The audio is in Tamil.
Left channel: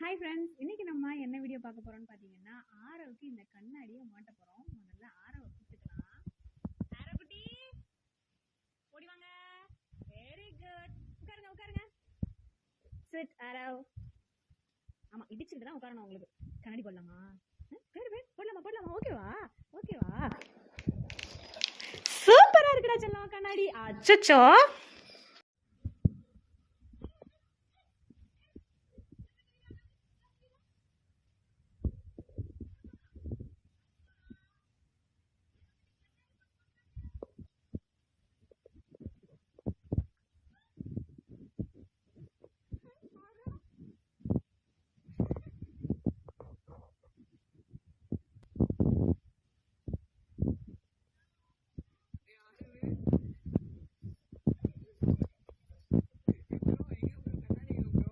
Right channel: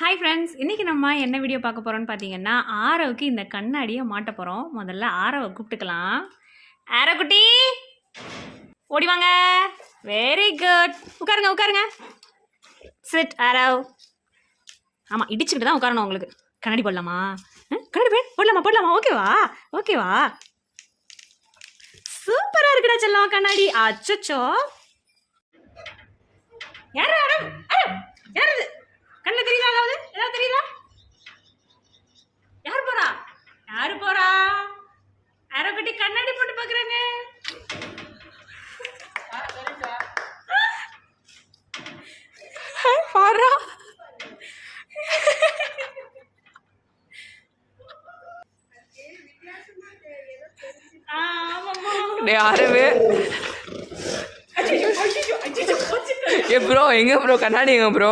ஹாய் ஃப்ரெண்ட்ஸ், இன்றைக்கி நம்ம என்ன வீடியோ பார்க்க போகிறோம்னு பார்த்தீங்கன்னா, ஆரவுக்கு இந்த கண்ணாடியை மாட்ட போகிறோம். முதல்ல ஆரவை கூப்பிட்டுக்கலாம். ஆரோ குட்டி ஓடி வாங்க. Very good. உட்காருங்க உட்காருங்க. சிட் ஆரவ். ஆமாம், இடிச்சுக்கிட்டு தான் உட்காரணும். உங்களுக்கு கண்ணாடி போடலாமா? கண்ணாடி போடலாமா போடலாமா? ஓகேவா ஓகேவா? சூப்பராக இருக்குடா செல்லம் கண்ணாடி. அச்சோ, யார் ஆரவ்? யார் இது? கண்ணில் தெரியுதா? ஏதாவது தெரியுதா? யார் போறா? யாரு போறா? ஆரோ குட்டி கண்ணாடி போட்டு பாக்குறாங்க. பாரா யாருமே ஏ ப்ரோ, எங்க ப்ரோ கண்ணாடி? எங்க ப்ரோ?